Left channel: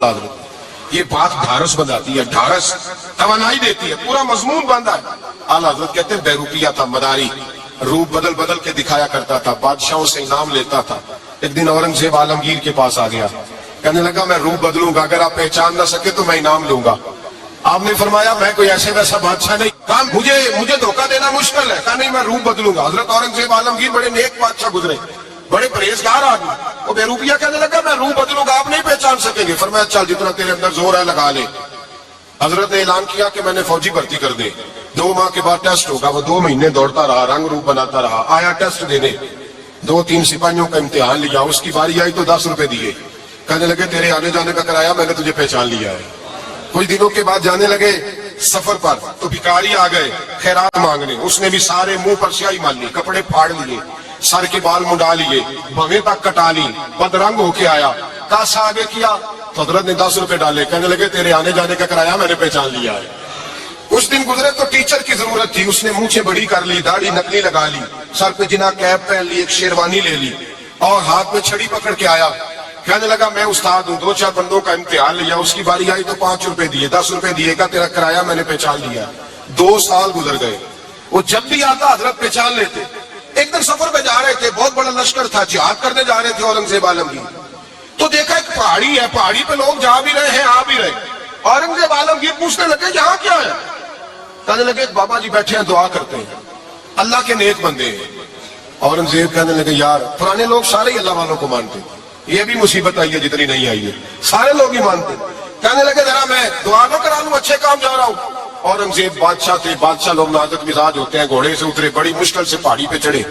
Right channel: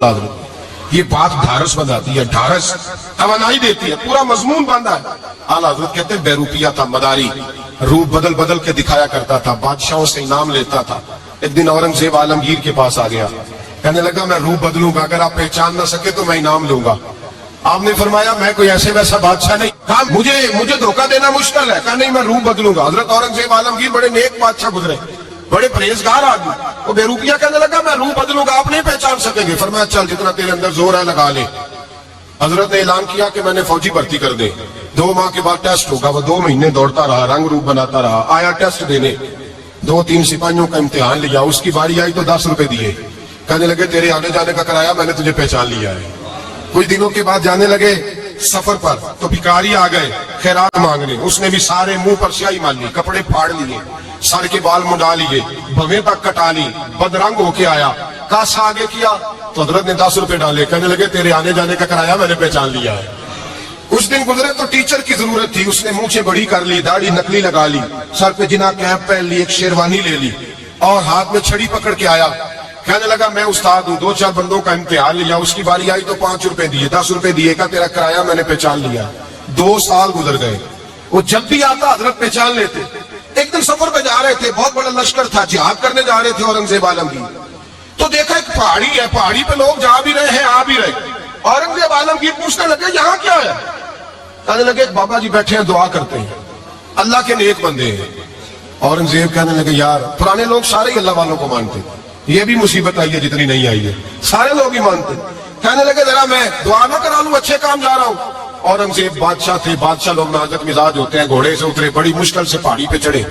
یہ بات ڈھارس بناتی ہے، ڈھارس توانائی دیتی ہے، پورا مضمون باندھا ہے۔ اعلیٰ حضرت کہتے ہیں بیروپیہ تھا، مداری، روپ بدل بدل کے دکھایا کرتا تھا، بادشاہوں سے انعام لیتا تھا۔ ایک دن اورنگزیب عالمگیر کے پاس آ گیا، کہنے لگا میں روپ بدلوں گا، اگر آپ پہچان نہ سکے تو میں انعام لوں گا۔ آپ نے فرمایا میں کوئی ایسے ویسا بادشاہ نہیں، کہا مجھے دھوکہ دینا مشکل ہے، کہا نہیں میں روپ بدلوں گا۔ حضرت اورنگزیب عالمگیر بڑے نیک بادشاہ گزرے، بڑے پرہیزگار آدمی، وہ بیروپیہ کہنے لگا میں روح بدلوں گا، آپ نہیں پہچان سکیں گے۔ فرمایا چل جتنا تیرے اندر زور ہے لگا لے۔ حضرت نے اعلان کیا کہ میں نے فوجی بھرتی کر دے، 2 ماہ کے بعد ٹیسٹ ہوگا۔ وہ 2 مہینے دوڑتا رہا، رنگ روپ بناتا رہا، آیا ٹیسٹ دینے، 2-3 سپاہیوں کا امتحان لیا، اس کی باری آئی تو 10 روپے دیے، کہنے لگے تیرے آنے جانے کا کرایہ میں نے تجھے پہچان لیا ہے۔ کچھ دنوں کے بعد جانے لگے سفر پر تو بھکاری آ گئے خیرات مانگنے، اس نے بھی سارے منہ پر سیاہی مان لی، کپڑے پھاڑ لیے، سر کے بال منڈا لیے، بھویں تک کٹا لی، بدرنگ ہو کے آیا، کاسا آگے کیا تو حضرت نے 10 روپے ڈالے، کہنے لگے تیرے آنے جانے کا کرایہ میں نے پہچان لیا ہے۔ کچھ دن گزرے تو ٹیچر کی ضرورت تھی، اس نے مونچھیں بڑی کر لی، داڑھی نکلی لگا لی، سر پہ جنا کیپ پہن لی، ایک شیروانی لے لی اور ہاتھ میں چھڑی پکڑ کے آیا، کہنے لگا میں استاد ہوں، 2-4 بندوں کا امتحان لیا، اس کی باری آئی تو 5 روپے دیے، 10 روپے دیے، کہا تیرا کرایہ میں نے پہچان لیا۔ 2 سال گزر گئے، وہ جب بھی آتا حضرت پہچان لیتے۔ ایک دن سفر پہ جا رہے تھے، بہت بڑا لشکر تھا، جہاد کرنے جا رہے تھے اورنگزیب عالمگیر، تو دیکھا ایک پہاڑی ہے، پہاڑی پہ لوگ جا بھی رہے ہیں آ بھی رہے۔ اورنگزیب عالمگیر پوچھنے لگے یہاں کیا ہے؟ کہنے لگے ایک بابا جی بیٹھے ہیں دعا کرتے ہیں، اللہ کے نیک بندے ہیں۔ اورنگزیب کہنے لگے یار پرانے لوگ سارے ہی اللہ والوں کو مانتے ہیں، یہ بھی مصیبت آئی ہے جتنی نہیں آئی ہے، سارے لوگ ہی مانتے ہیں۔ کہنے لگے ذرا میں دعا نہ کرا لوں، اچھے کام جا رہا ہوں۔ اورنگزیب بادشاہ تھے، بادشاہ لوگ نازک مزاج ہوتے ہیں، گھوڑے سے اترے، بڑی مشکل سے پہاڑی پہ چڑھے،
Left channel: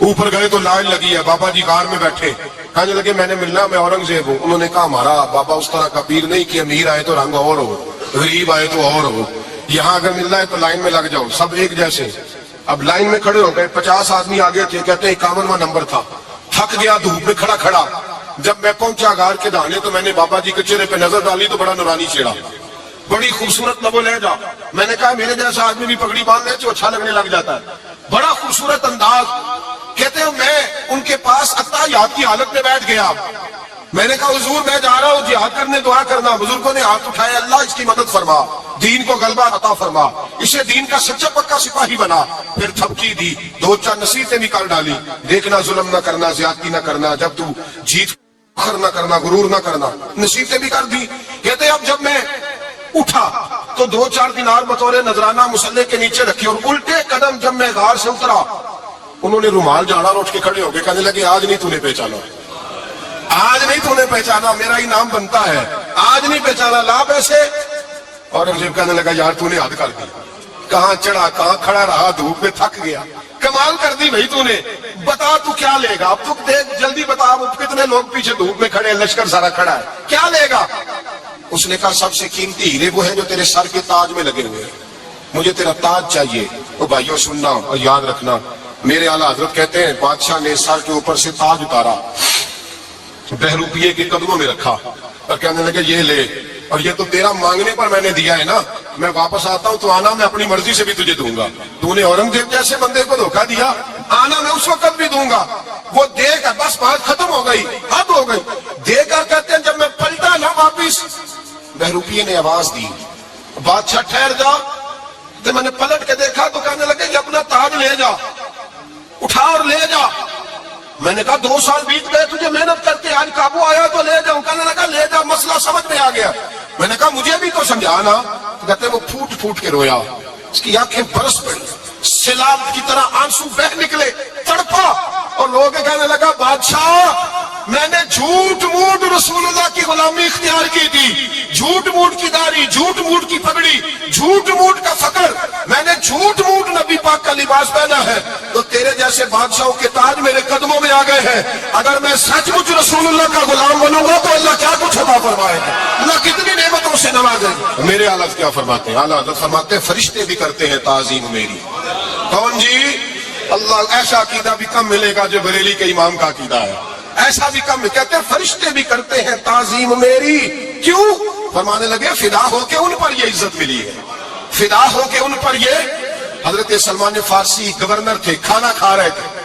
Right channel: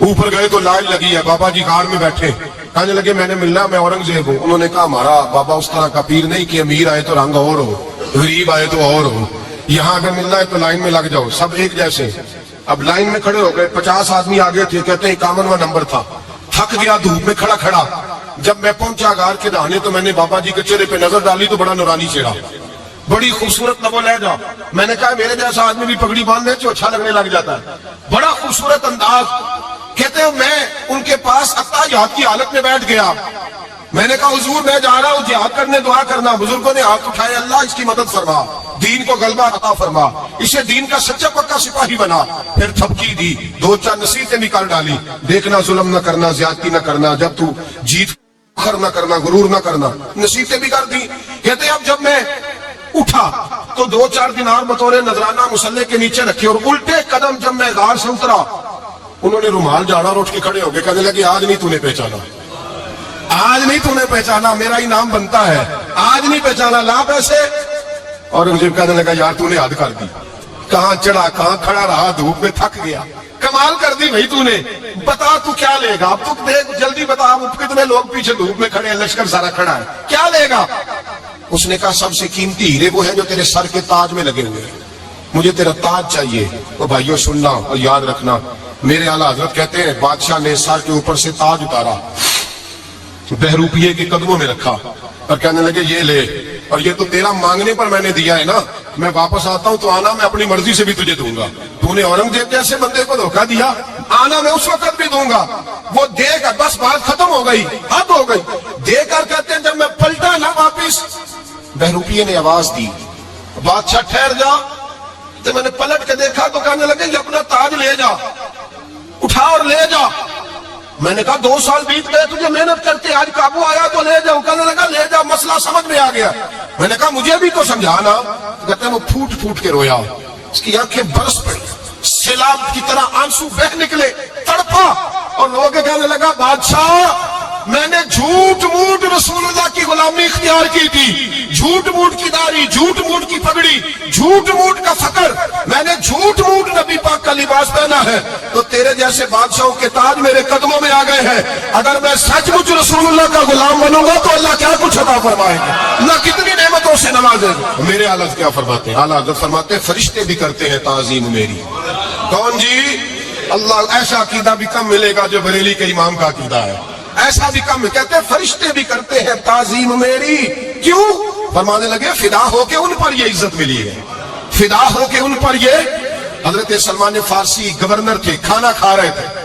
اوپر گئے تو لائن لگی ہے، بابا جی غار میں بیٹھے، کہنے لگے میں نے ملنا، میں اورنگزیب ہوں۔ انہوں نے کہا ہمارا بابا اس طرح کا پیر نہیں کہ امیر آئے تو رنگ اور ہو، غریب آئے تو اور ہو، یہاں اگر ملنا ہے تو لائن میں لگ جاؤ، سب ایک جیسے۔ اب لائن میں کھڑے ہو گئے، 50 آدمی آگے تھے، کہتے ہیں 51واں نمبر تھا، تھک گیا دھوپ میں کھڑا کھڑا۔ جب میں پہنچا غار کے دہانے تو میں نے بابا جی کے چہرے پہ نظر ڈالی تو بڑا نورانی چہرہ، بڑی خوبصورت لب و لہجہ۔ میں نے کہا میرے جیسا آدمی بھی پگڑی باندھ لے تو اچھا لگنے لگ جاتا ہے، بڑا خوبصورت انداز۔ کہتے ہیں میں ان کے پاس اتحیات کی حالت میں بیٹھ گیا، میں نے کہا حضور میں جا رہا ہوں جہاد کرنے، دعا کرنا۔ بزرگوں نے ہاتھ اٹھائے، اللہ اس کی مدد فرما، دین کو غلبہ عطا فرما، اسے دین کا سچا پکا سپاہی بنا۔ پھر تھپکی دی، 2-4 نصیحتیں بھی کر ڈالی، دیکھنا ظلم نہ کرنا، زیادتی نہ کرنا، جب تو جیت فخر نہ کرنا، غرور نہ کرنا، نصیحتیں بھی کر دی۔ کہتے ہیں اب جب میں اٹھا تو 2-4 دینار بطور نذرانہ مسلح کے نیچے رکھے، اور الٹے قدم جب میں غار سے اترا انہوں نے رومال جھاڑا اور اٹھ کے کھڑے ہو گئے، کہنے لگے آج نہیں تو نے پہچانا، آج نہیں تو نے پہچانا، میرا انعام بنتا ہے، آج نہیں پہچانا، لا پیسے۔ اورنگزیب کہنے لگا یار تو نے حد کر دی، کہاں چڑھا کہاں کھڑا رہا، دھوپ میں تھک گیا، کمال کر دی بھائی تو نے، بتا تو کیا لے گا، اب تو دیکھ جلدی بتا، کتنے لوگ پیچھے دھوپ میں کھڑے ہیں، لشکر سارا کھڑا ہے، کیا لے گا؟ اس نے کہا سب سے قیمتی ہیرے وہ ہے جو تیرے سر کے تاج میں لگے ہوئے ہیں، مجھے تیرا تاج چاہیے۔ اور بھائیو سننا اور یاد رکھنا، میرے اعلیٰ حضرت کہتے ہیں بادشاہ نے سر کے اوپر سے تاج اتارا، بہروپیے کے قدموں میں رکھا اور کہنے لگے یہ لے، اور یہ تو تیرا مانگنے پر میں نے دیا ہے نا، میں واپس آتا ہوں تو آنا میں اپنی مرضی سے بھی تجھے دوں گا، تو نے اورنگزیب جیسے بندے کو دھوکہ دیا، آنا میں اس وقت بھی دوں گا۔ وہ دے کر بس بات ختم ہو گئی، حد ہو گئی، دے کر کہتے ہیں جب میں پلٹا نہ واپس، بہروپیے نے آواز دی بادشاہ ٹھہر جا، تو میں نے پلٹ کے دیکھا تو کہنے لگے یہ اپنا تاج لے جا، اٹھا اور لے جا۔ میں نے کہا 2 سال بیت گئے تجھے محنت کرتے، آج قابو آیا تو لے جاؤ، کہنے لگا لے جا، مسئلہ سمجھ میں آ گیا۔ میں نے کہا مجھے بھی تو سمجھانا، کہتے ہیں وہ پھوٹ پھوٹ کے رویا، اس کی آنکھیں برس پڑی، سیلاب کی طرح آنسو بہ نکلے، تڑپا، اور لوگ کہنے لگا بادشاہ میں نے جھوٹ موٹ رسول اللہ کی غلامی اختیار کی تھی، جھوٹ موٹ کی داڑھی، جھوٹ موٹ کی پگڑی، جھوٹ موٹ کا فقر، میں نے جھوٹ موٹ نبی پاک کا لباس پہنا ہے، تو تیرے جیسے بادشاہوں کے تاج میرے قدموں میں آ گئے ہیں، اگر میں سچ مچ رسول اللہ کا غلام بنوں گا تو اللہ کیا کچھ عطا فرمائے گا، اللہ کتنی نعمتوں سے نوازے گا۔ میرے اعلیٰ کیا فرماتے ہیں؟ اعلیٰ حضرت فرماتے ہیں فرشتے بھی کرتے ہیں تعظیم میری۔ کون جی؟ اللہ، ایسا عقیدہ بھی کم ملے گا جو بریلی کے امام کا عقیدہ ہے، ایسا بھی کم، کہتے ہیں فرشتے بھی کرتے ہیں تعظیم میری۔ کیوں؟ فرمانے لگے فدا ہو کے ان پر یہ عزت ملی ہے، فدا ہو کے ان پر یہ۔ حضرت سلمان فارسی گورنر تھے، کھانا کھا رہے تھے،